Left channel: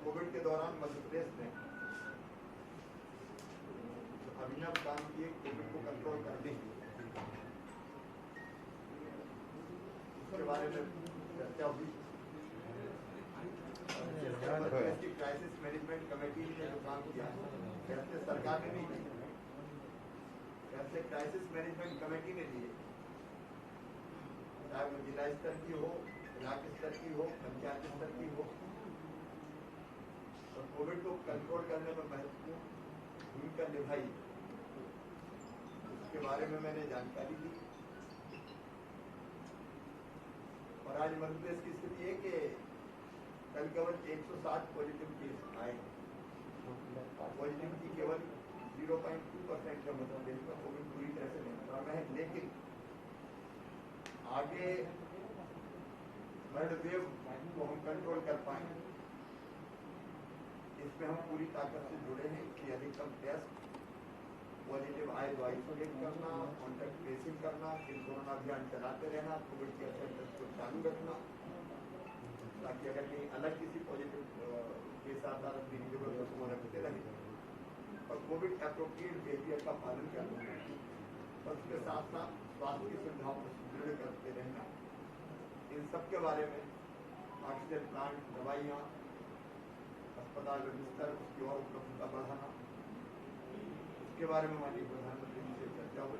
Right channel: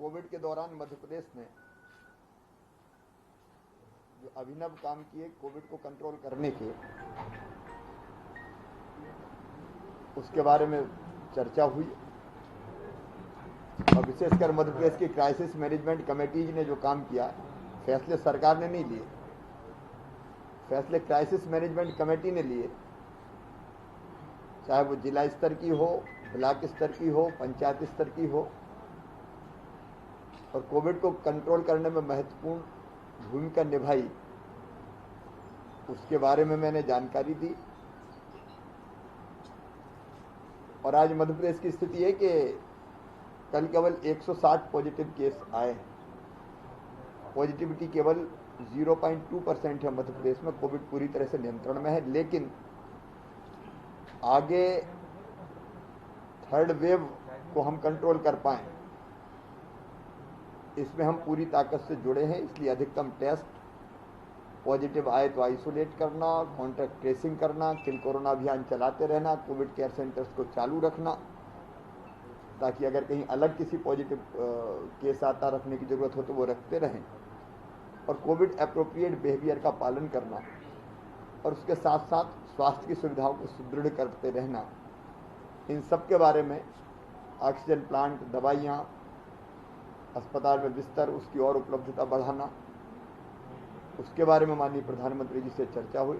Covid के दौरान मध्य प्रदेश ने जो अभिनव काम किए कोविड को कंट्रोल करने के, उसके बारे में चर्चा हुई। और विशेषकर मध्य प्रदेश की क्राइसिस मैनेजमेंट कमेटीज ने जो काम किया, फैसले सरकार ने नहीं लिए, फैसले क्राइसिस मैनेजमेंट कमेटी ने लिए, चाहे वो जिला स्तर की हो, ब्लॉक स्तर की हो, पंचायत स्तर की हो। और कोविड को कंट्रोल करने में महत्वपूर्ण भूमिका निभाई, उसके बारे में मैंने जानकारी दी। और आज मध्य प्रदेश की स्थिति है कि कल केवल 160 पॉजिटिव केस आए हैं। पॉजिटिविटी केवल 0.2% है मध्य प्रदेश में। कोविड पूरी तरह से नियंत्रण में है, लेकिन आगे थर्ड वेव को हम कंट्रोल कर पाएं, इसमें हम पूरी ताकत से जुड़े हैं। इसलिए अधिकतम टेस्ट, पॉजिटिव आए तो आइसोलेट करना, कॉन्टैक्ट ट्रेसिंग करना, किल कोरोना अभियान चलाते रहना, कोविड केयर सेंटर्स को चालू रखना, ताकि अगर कहीं अलग किसी पॉजिटिव केस आता रखने की ज़रूरत हो तो वो रखते रहें। और कोविड एप्रोप्रिएट बिहेवियर का पालन करना, और उसके साथ साथ स्वास्थ्य की सुविधाओं को सुदृढ़ करते रहना। इन सब के बारे में ऑक्सीजन प्लांट, दवाइयाँ, अस्पताल में बिस्तर, उसकी और उपलब्धता बढ़ाना, उसके बारे में माननीय प्रधानमंत्री जी से चर्चा हुई।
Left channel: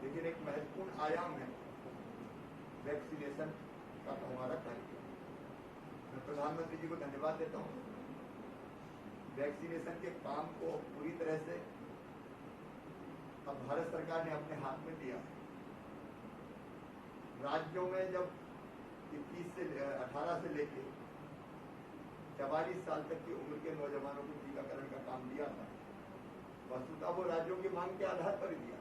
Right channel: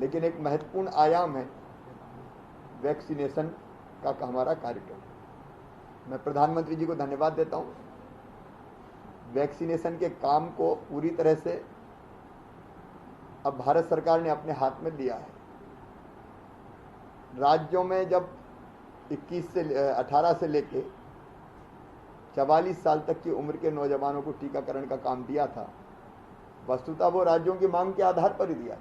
लेकिन एक महत्वपूर्ण आयाम है वैक्सीनेशन का हमारा कार्यक्रम। मैं प्रधानमंत्री जी को धन्यवाद देता हूँ। वैक्सीनेशन के काम को पूरी तरह से अब भारत सरकार ने अपने हाथ में लिया है। राज्यों में जब 18 से लेके 44 साल तक की उम्र के नौजवानों को टीकाकरण का काम दिया था, वस्तुतः वो राज्यों की मांग के आधार पर ही दिया था।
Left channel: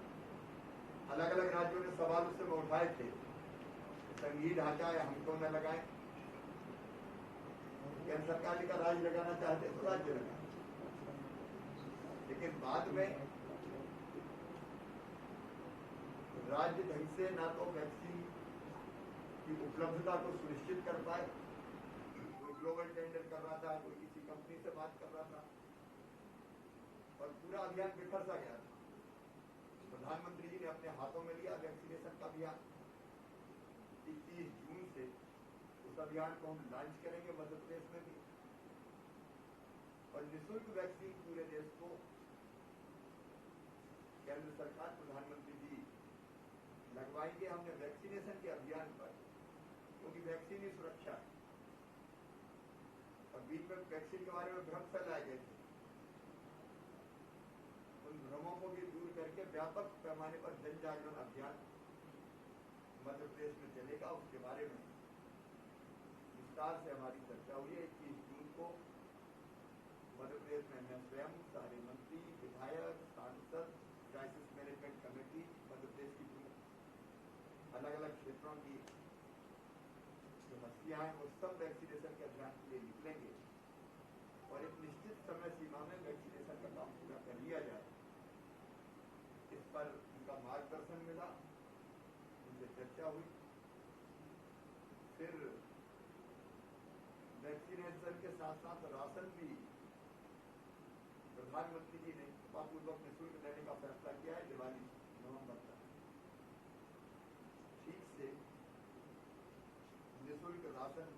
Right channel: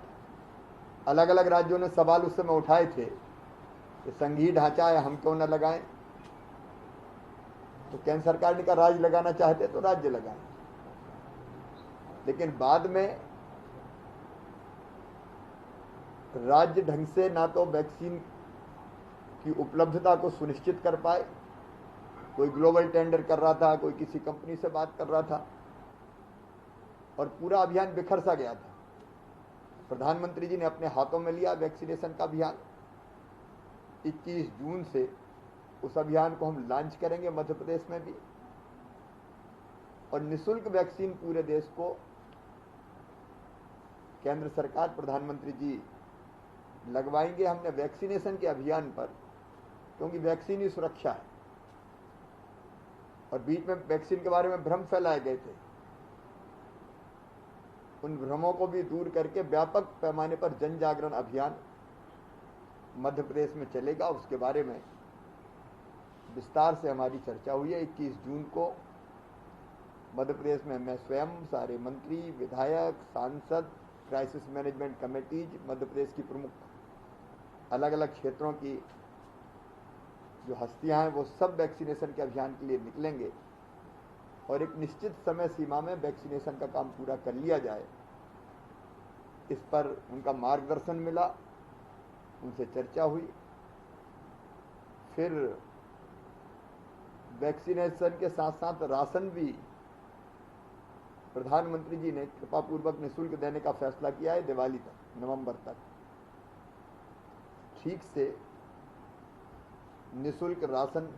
अलग अलग राज्यों ने सवाल उस समय उठाए थे कि संघीय ढांचा है, हम क्यों न लगाएं। तो केंद्र सरकार ने कहा राज्य लगाना चाहते तो राज्य लगाएं। लेकिन बाद में राज्य ढंग से ना तो वैक्सीन की उपलब्धता को सुनिश्चित कर पाए, कोई ग्लोबल टेंडर कर रहा था, कोई किसी कंपनी से बात कर रहा था, और पूरा अभियान बिखर सा गया था। प्रधानमंत्री जी ने अपने हाथों में लिया वैक्सीनेशन का अभियान। 21 जून से उस अभियान को हम लॉन्च करेंगे मध्य प्रदेश में भी, और निःशुल्क वैक्सीन पूरे देश को केंद्र सरकार, प्रधानमंत्री जी लगवाएंगे। हमने वैक्सीनेशन के अभियान पर, क्योंकि वैक्सीन ही सुरक्षा है, और बीच में वैक्सीन के बारे में भ्रम फैलाए गए थे, उन भ्रमों को भी दूर करके व्यापक पैमाने पर जन जागरण अभियान मध्य प्रदेश में चलेगा। उसके बारे में विस्तार से हमारी चर्चा हुई है। 21 जून को मध्य प्रदेश में मैं स्वयं, सारे मंत्री, विधायक, सांसद, crisis management committees, Madhya Pradesh की प्रमुख अलग अलग क्षेत्रों की जो हस्तियां हैं, वो सब वैक्सीनेशन के अभियान के लिए निकलेंगे, और एक निश्चित समय सीमा में वैक्सीनेशन का काम पूरा कर लिया जाए, इस पर उनका मार्गदर्शन मिला, उनसे चर्चा हुई। फिर वैक्सीनेशन के साथ साथ राशन भी प्रधानमंत्री जी ने कृपापूर्वक निःशुल्क देने का फैसला किया है। दिवाली तक, नवंबर तक ठीक से निःशुल्क राशन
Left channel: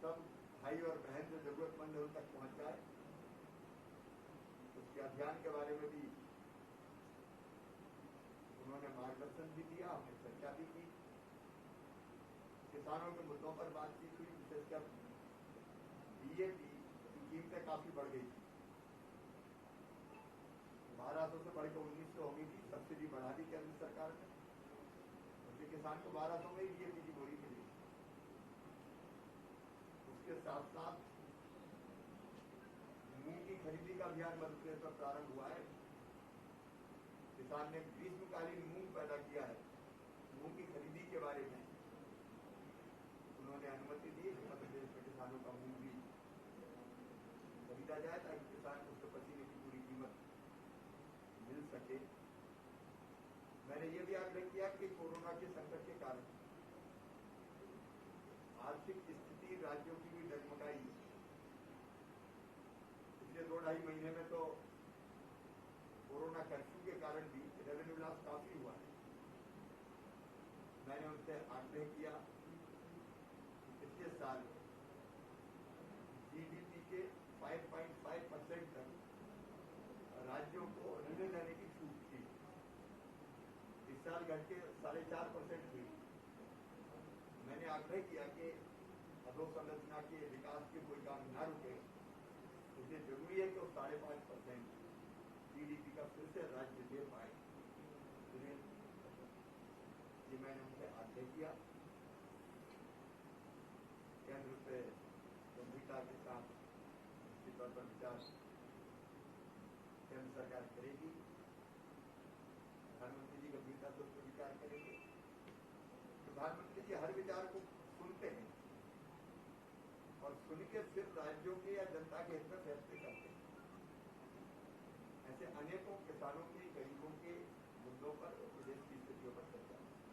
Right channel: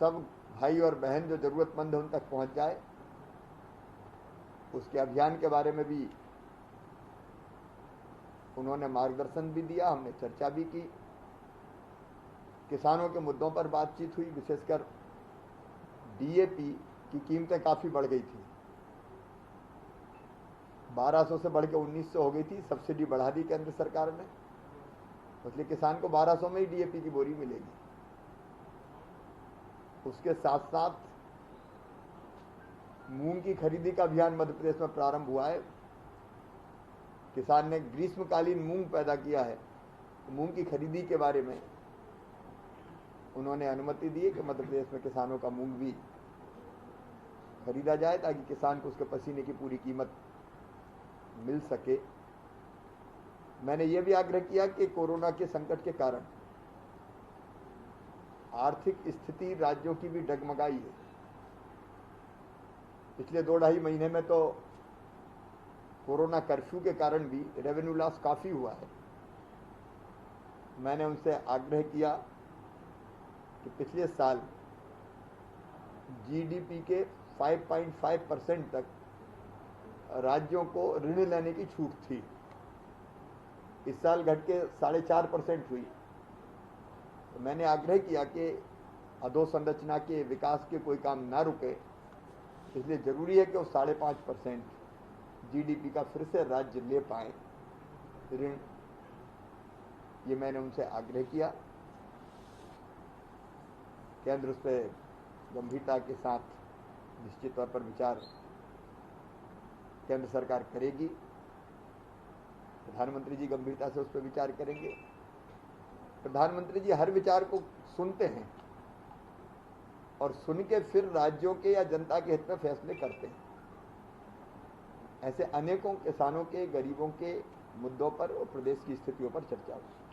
सब भाई और बहन जो जरूरतमंद है उन तक पहुंच जाए। उसके अभियान के बारे में भी उन्होंने मार्गदर्शन भी दिया, हमने चर्चा भी की। किसानों के मुद्दों पर बातचीत हुई, विशेषकर डीएपी की कीमतें काफ़ी बढ़ गई थी, 1200 से बढ़ के 1900 हो गई थी। सब्सिडी बढ़ा दी केंद्र सरकार ने, इसलिए किसान को 1200 में ही डीएपी की बोरी मिलेगी। उसके साथ साथ मूंग की खरीदी का अभियान मध्य प्रदेश में प्रारंभ हुआ है। किसान ने ग्रीष्मकालीन मूंग पैदा किया है, तो मूंग की खरीदी के बारे में उन्होंने अनुमति दी है कि मध्य प्रदेश में किसानों का मूंग भी खरीदा जाए, ताकि किसान को उसके पसीने की पूरी कीमत मिल सके। मैंने ये भी आग्रह किया कि कोरोना के संकट के कारण आर्थिक स्थिति राज्यों की भी डगमगाई है। पिछले 2-2.5 महीने में तो कोरोना कर्फ्यू के कारण भी रेवेन्यू लॉस काफ़ी हुआ है। मैंने उनसे आग्रह किया कि पिछले साल जीडीपी के 5.5% तक राज्यों को ऋण लेने की छूट थी। इस साल घट के 4.5% हुई। तो मैंने आग्रह किया कि अधोसंरचना के विकास के कोई काम ना रुके, इसलिए जरूरी है कि वो 5.5% जीडीपी का फिर से राज्य ले पाए ऋण। ये मैंने उनसे आग्रह किया। केंद्र उस पर गंभीरता के साथ निश्चित तौर पर विचार केंद्र सरकार करेगी। प्रधानमंत्री जी गंभीरता से उस पर विचार करेंगे। प्रधानमंत्री जी हर विचार को सुनते हैं और सुन के फिर राज्यों के या जनता के हित में फैसले करते हैं। ऐसे अनेकों किसानों के, गरीबों के मुद्दों पर और प्रदेश की स्थितियों पर चर्चा हुई।